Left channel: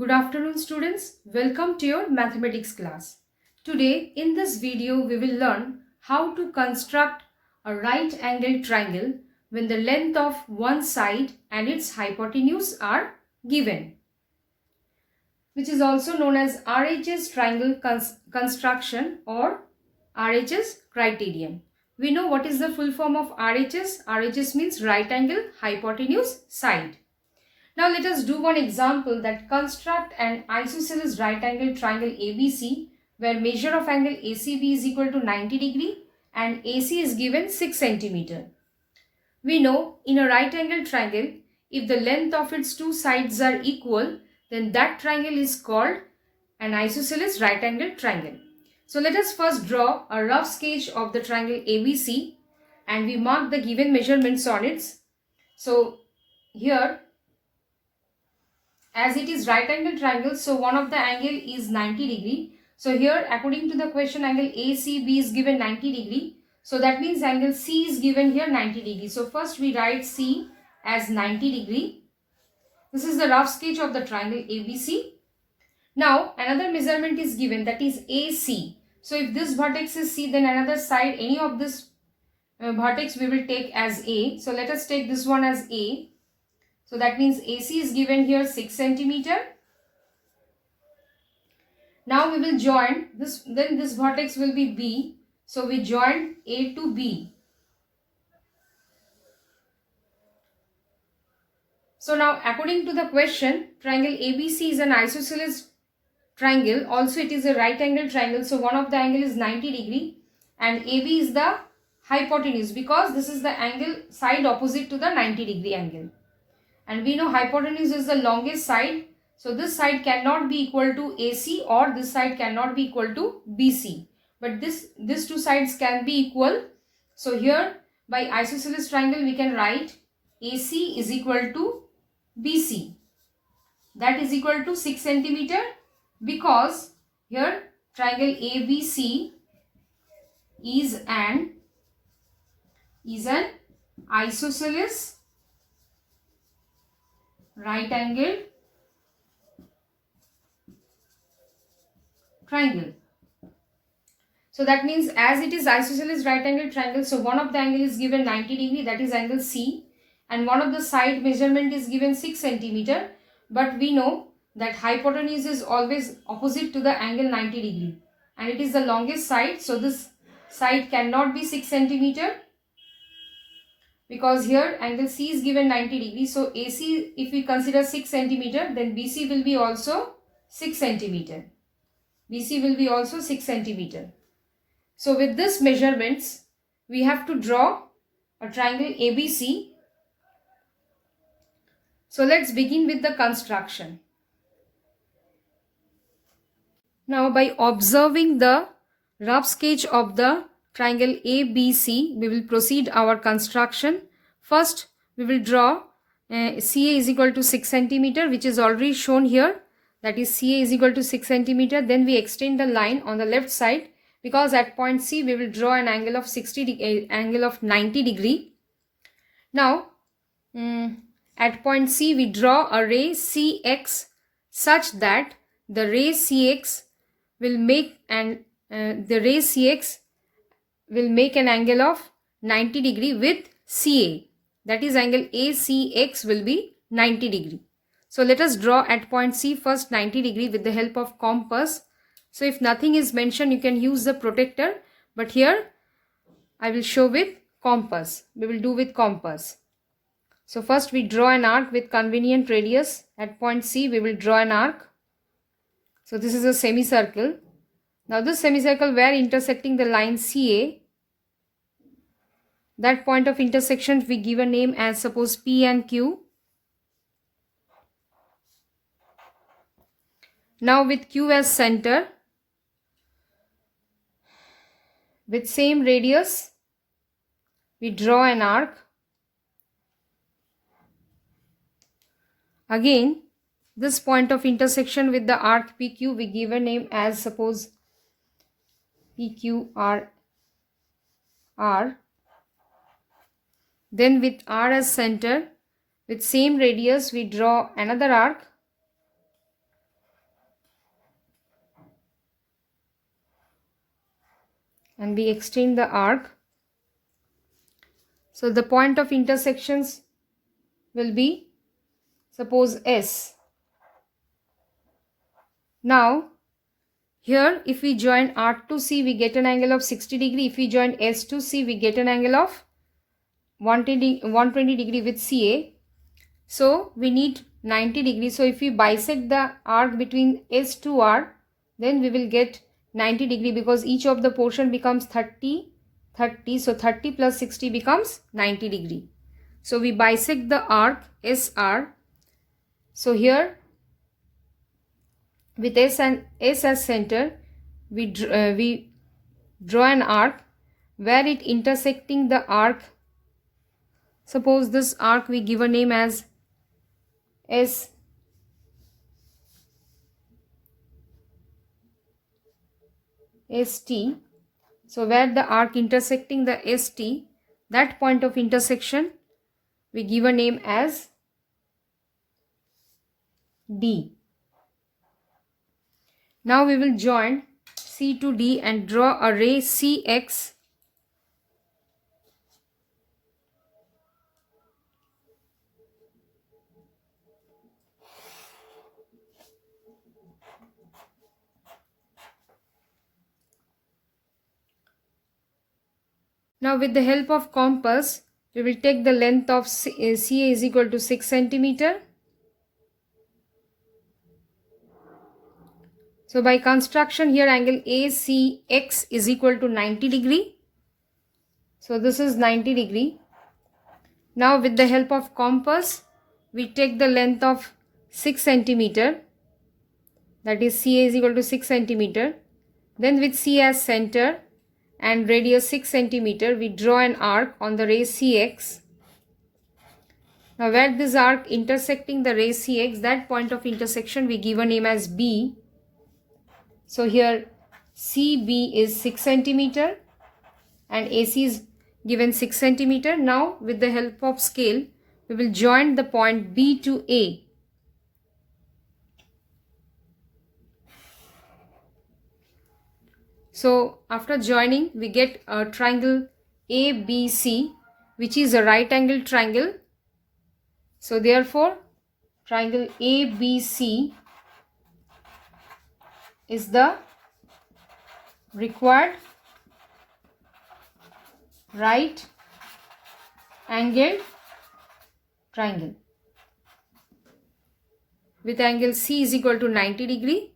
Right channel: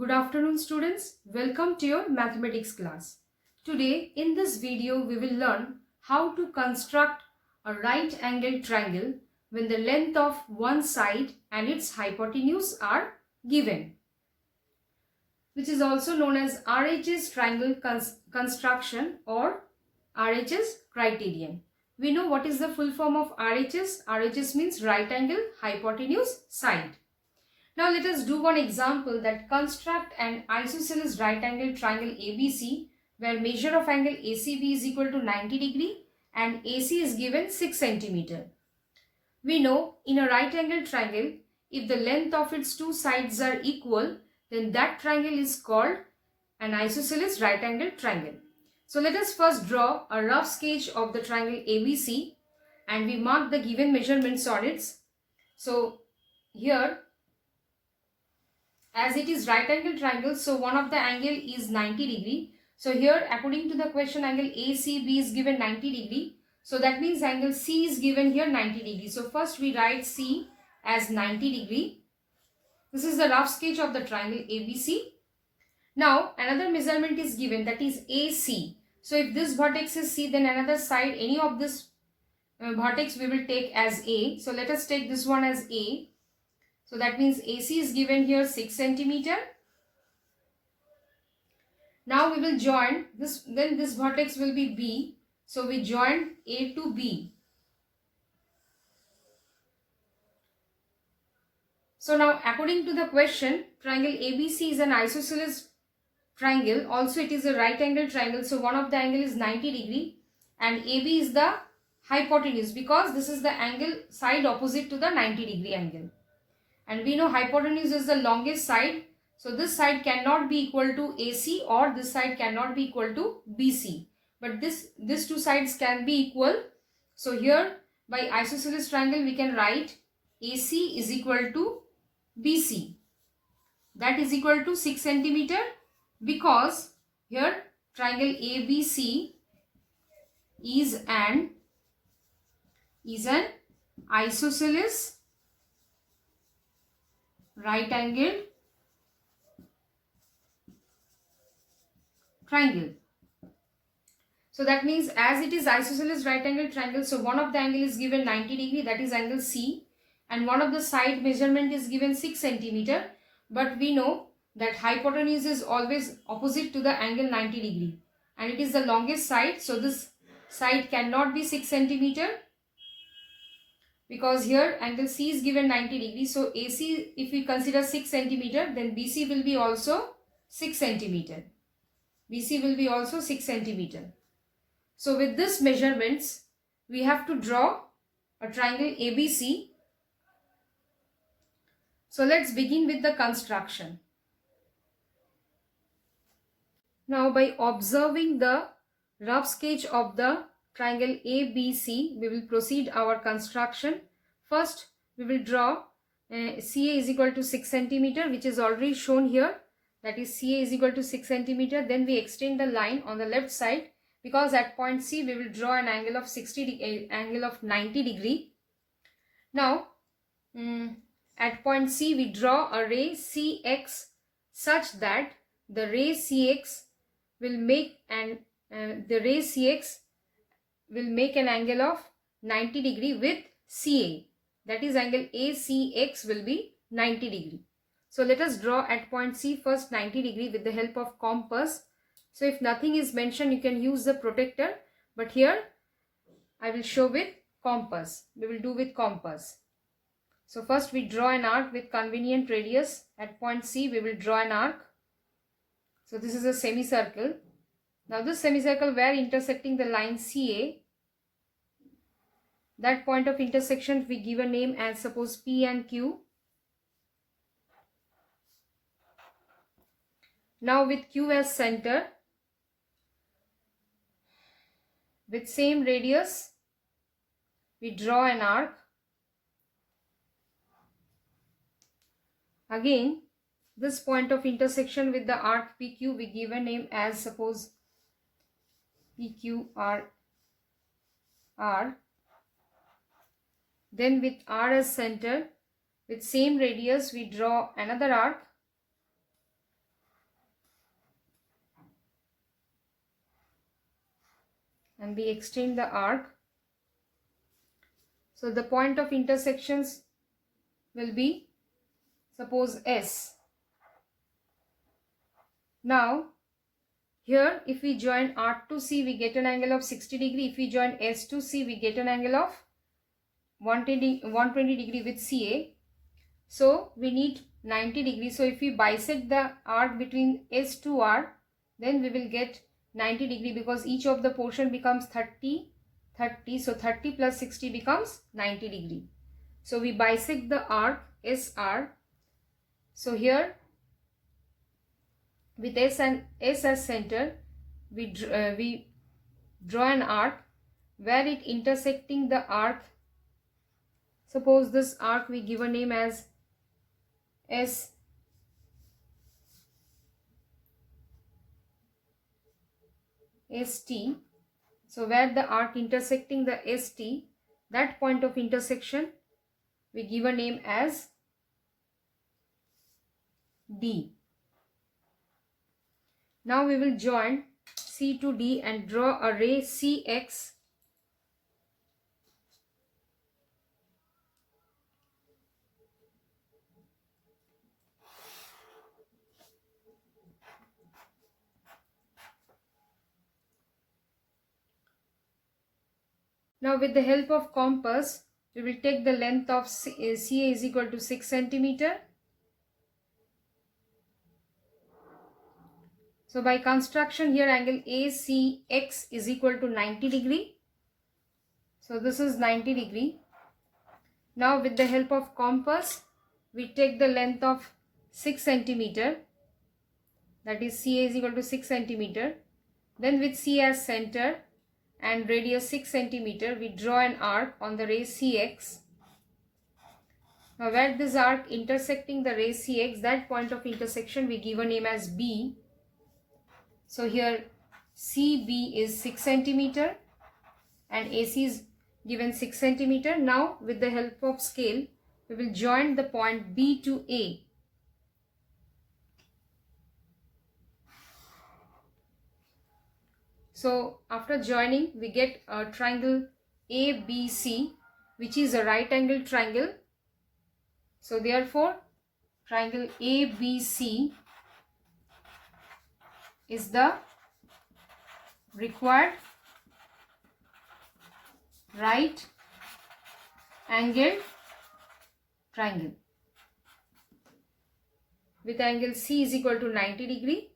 Good afternoon students, welcome to your mathematics class. Today in this video we will learn how to construct a right angled triangle when the length of one side and its hypotenuse are given, which is also known as RHS triangle construction or RHS criterion. We know what is the full form of RHS. RHS means right angle hypotenuse side. Now let us do one example, that construct an isosceles right angle triangle ABC where measure of angle ACB is equal to 90 degree and AC is given 6 centimeter. We know in a right angle triangle, if the length of its two sides are equal, then that triangle is called an isosceles right angle triangle. So let us first draw a rough sketch of the triangle ABC and we mark the given measurements on it. So here, as it is right angle triangle, so one of the angle is 90 degree. So here according to the question, angle ACB is given 90 degree. So that means angle C is given here 90 degree. So first we write C as 90 degree. This is the rough sketch of the triangle ABC. Now another measurement is given, that is AC. So if this vertex is C, then another side, any of this vertex we will take as A. So let us take this one as A. So that means AC is given here 6 centimeter. Now we will join this, then this vertex will be B. So we join A to B. So now according to the question, triangle ABC is an isosceles triangle. Also it is a right angle triangle. So one of the angle is 90 degree and AB is the hypotenuse, because this is the angle side opposite to the 90 degree angle. And we know hypotenuse is the longest side. So this side cannot be equal to AC or this side cannot be equal to BC. But these two sides can be equal. So here by isosceles triangle we can write AC is equal to BC. That is equal to 6 centimeter, because here triangle ABC is an isosceles right angled triangle. So that means as it is isosceles right angled triangle, so one of the angle is given 90 degree, that is angle C, and one of the side measurement is given 6 centimeter. But we know that hypotenuse is always opposite to the angle 90 degree and it is the longest side. So this side cannot be 6 centimeter, because here angle C is given 90 degree. So AC, if we consider 6 centimeter, then BC will be also 6 centimeter. BC will be also 6 centimeter. So with this measurements, we have to draw a triangle ABC. So let's begin with the construction. Now by observing the rough sketch of the triangle ABC, we will proceed our construction. First we will draw CA is equal to 6 centimeter, which is already shown here, that is CA is equal to 6 centimeter. Then we extend the line on the left side, because at point C we will draw an angle of 90 degree. Now at point C we draw a ray CX such that the ray CX will make an angle of 90 degree with CA. That is angle ACX will be 90 degree. So let us draw at point C first 90 degree with the help of compass. So if nothing is mentioned, you can use the protractor, but here I will show with compass. We will do with compass. So first we draw an arc with convenient radius. At point C we will draw an arc. So this is a semicircle. Now this semicircle, where intersecting the line CA, that point of intersection we give a name as suppose P and Q. Now with Q as center, with same radius we draw an arc. Again this point of intersection with the arc PQ we give a name as suppose PQR. Then with R as center, with same radius we draw another arc. and we extend the arc. So the point of intersections will be, suppose, S. Now here if we join R to C, we get an angle of 60 degree. If we join S to C, we get an angle of 120 degree with CA. So we need 90 degrees. So if we bisect the arc between S to R, then we will get 90 degree, because each of the portion becomes 30. So 30 plus 60 becomes 90 degree. So we bisect the arc SR. So here with S as center, we draw an arc where it intersecting the arc. Suppose this arc we give a name as ST. So where the arc intersecting the ST, that point of intersection we give a name as D. Now we will join C to D and draw a ray CX. Now with the help of compass, we will take the length of CA is equal to 6 centimeter. So by construction here, angle ACX is equal to 90 degree. So this is 90 degree. Now with the help of compass, we take the length of 6 centimeter. That is CA is equal to 6 centimeter. Then with C as center and radius 6 centimeter, we draw an arc on the ray CX. Now where this arc intersecting the ray CX, that point of intersection we give a name as B. So here CB is 6 centimeter and AC is given 6 centimeter. Now with the help of scale, we will join the point B to A. So after joining, we get a triangle ABC, which is a right angle triangle. So therefore triangle ABC is the required right angled triangle with angle C is equal to 90 degree.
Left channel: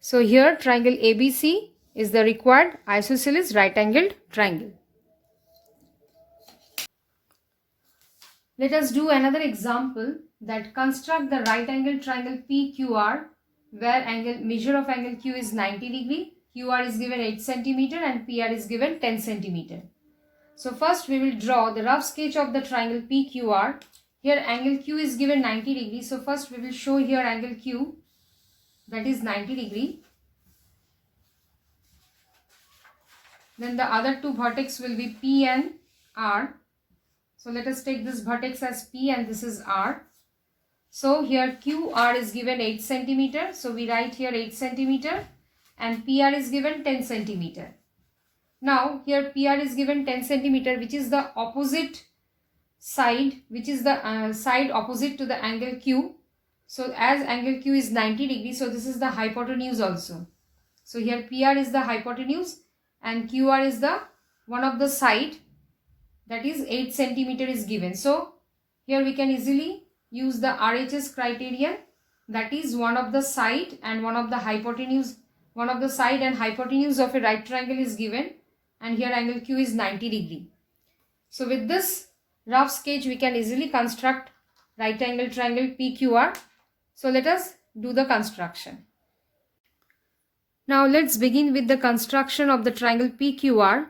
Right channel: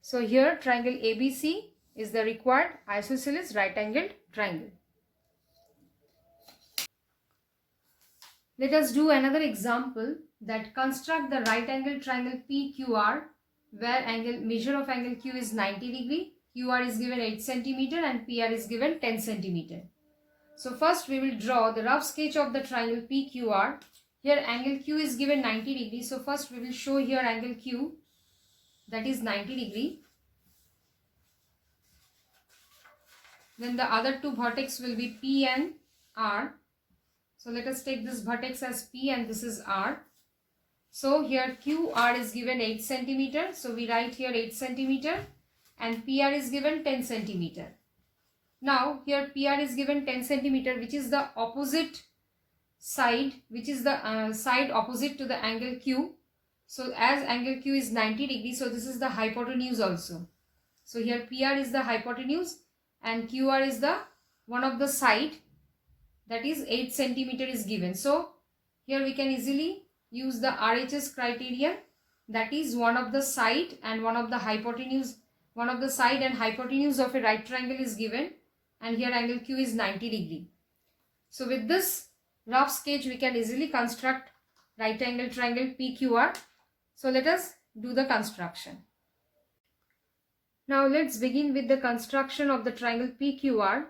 So here triangle ABC is the required isosceles right angled triangle. Let us do another example that construct the right angle triangle PQR, where measure of angle Q is 90 degree, QR is given 8 centimeter and PR is given 10 centimeter. So first we will draw the rough sketch of the triangle PQR. Here angle Q is given 90 degree. So first we will show here angle Q, that is 90 degree. Then the other two vertex will be P and R. So let us take this vertex as P and this is R. So here QR is given 8 centimeter. So we write here 8 centimeter and PR is given 10 centimeter. Now here PR is given 10 centimeter, which is the opposite side, which is the side opposite to the angle Q. So as angle Q is 90 degree, so this is the hypotenuse also. So here PR is the hypotenuse and QR is the one of the side, that is 8 centimeter is given. So here we can easily use the RHS criterion, that is one of the side and one of the hypotenuse, one of the side and hypotenuse of a right triangle is given, and here angle Q is 90 degree. So with this rough sketch we can easily construct right angle triangle PQR. So let us do the construction. Now let's begin with the construction of the triangle PQR.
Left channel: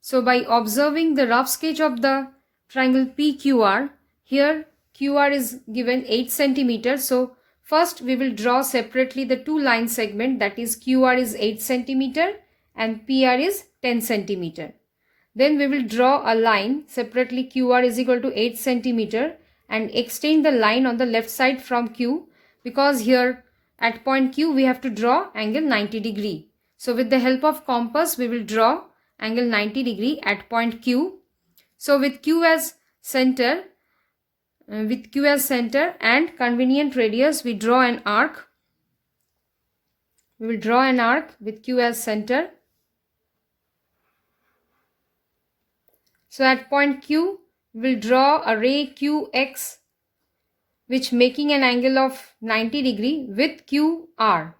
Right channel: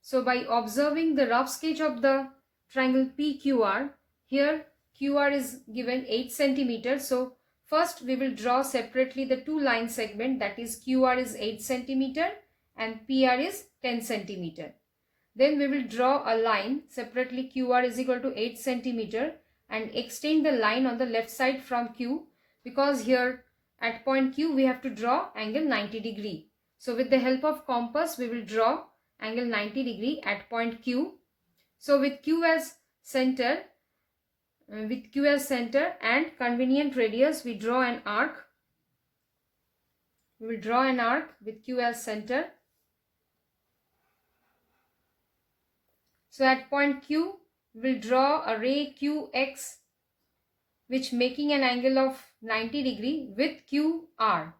So by observing the rough sketch of the triangle PQR, here QR is given 8 centimeter. So first we will draw separately the two line segment, that is QR is 8 centimeter and PR is 10 centimeter. Then we will draw a line separately, QR is equal to 8 centimeter, and extend the line on the left side from Q, because here at point Q we have to draw angle 90 degree. So with the help of compass we will draw angle 90 degree at point Q. So with Q as center, and convenient radius, we draw an arc. We will draw an arc with Q as center. So at point Q, we will draw a ray QX, which making an angle of 90 degree with QR.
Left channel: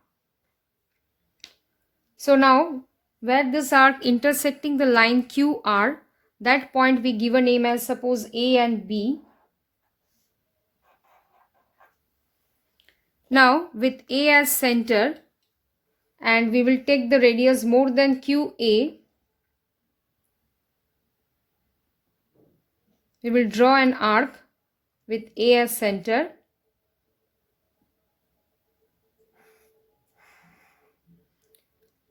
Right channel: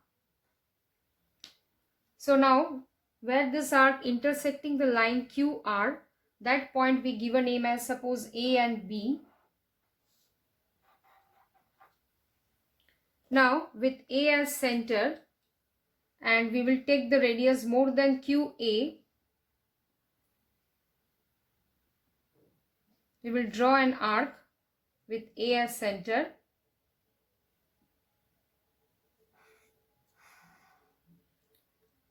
So now, where this arc intersecting the line QR, that point we give a name as suppose A and B. Now with A as center, and we will take the radius more than QA, we will draw an arc with A as center.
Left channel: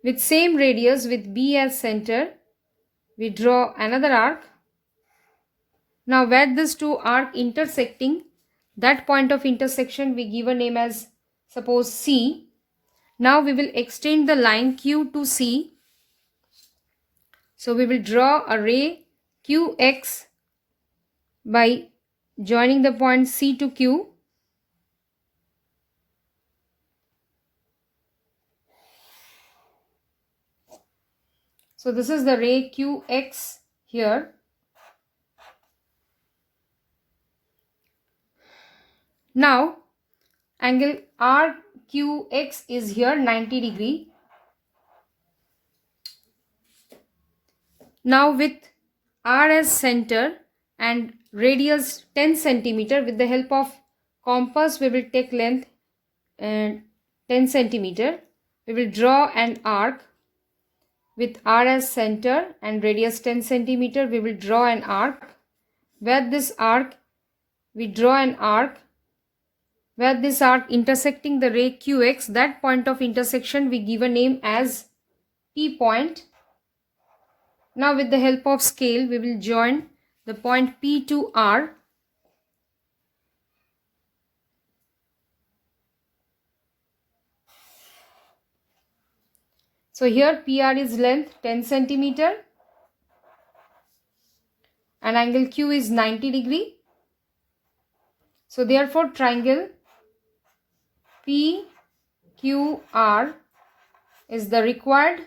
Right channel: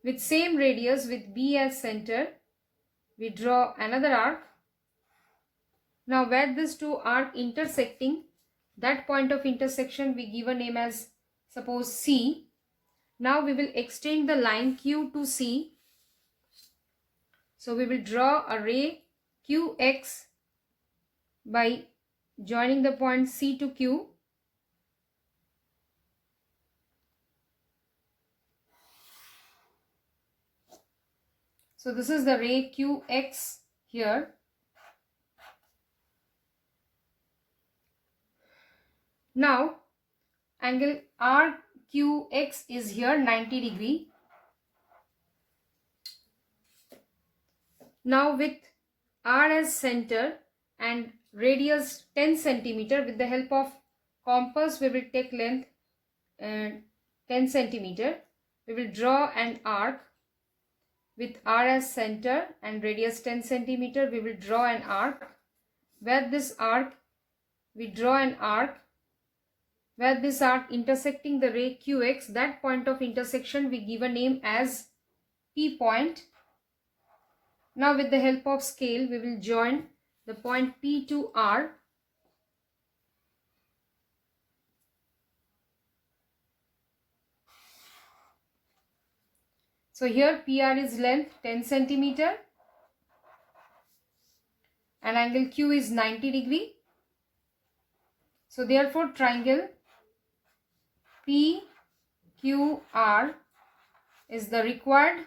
With same radius with B as center, we draw another arc. Now where these two arc intersecting, that point of intersection we give a name as suppose C. Now we will extend the line Q to C. So we will draw a ray QX by joining the point C to Q. So this is the ray QX here. Now angle RQX is here 90 degree. Now with R as center and radius 10 centimeter, with the help of compass we will take length 10 centimeter. We will draw an arc with R as center and radius 10 centimeter. We will draw an arc. Where this arc, we draw an arc. Where this arc intersecting the ray QX, that point of intersection we give a name as P point. Now with the help of scale, we will join the point P to R. So here PR is length 10 centimeter and angle Q is 90 degree. So therefore triangle PQR is the required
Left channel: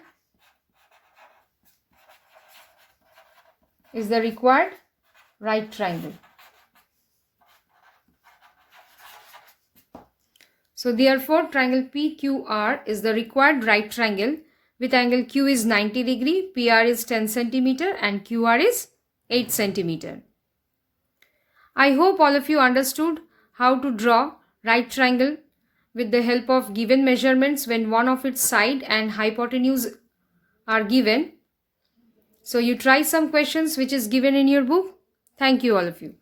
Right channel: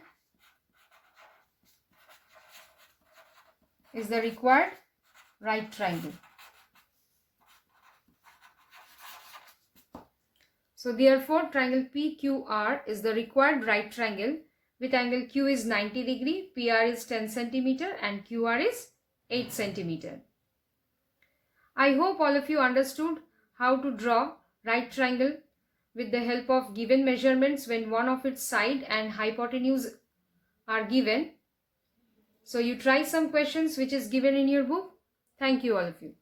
right triangle. So therefore triangle PQR is the required right triangle with angle Q is 90 degree, PR is 10 centimeter and QR is 8 centimeter. I hope all of you understood how to draw right triangle with the help of given measurements when one of its side and hypotenuse are given. So you try some questions which is given in your book. Thank you all of you.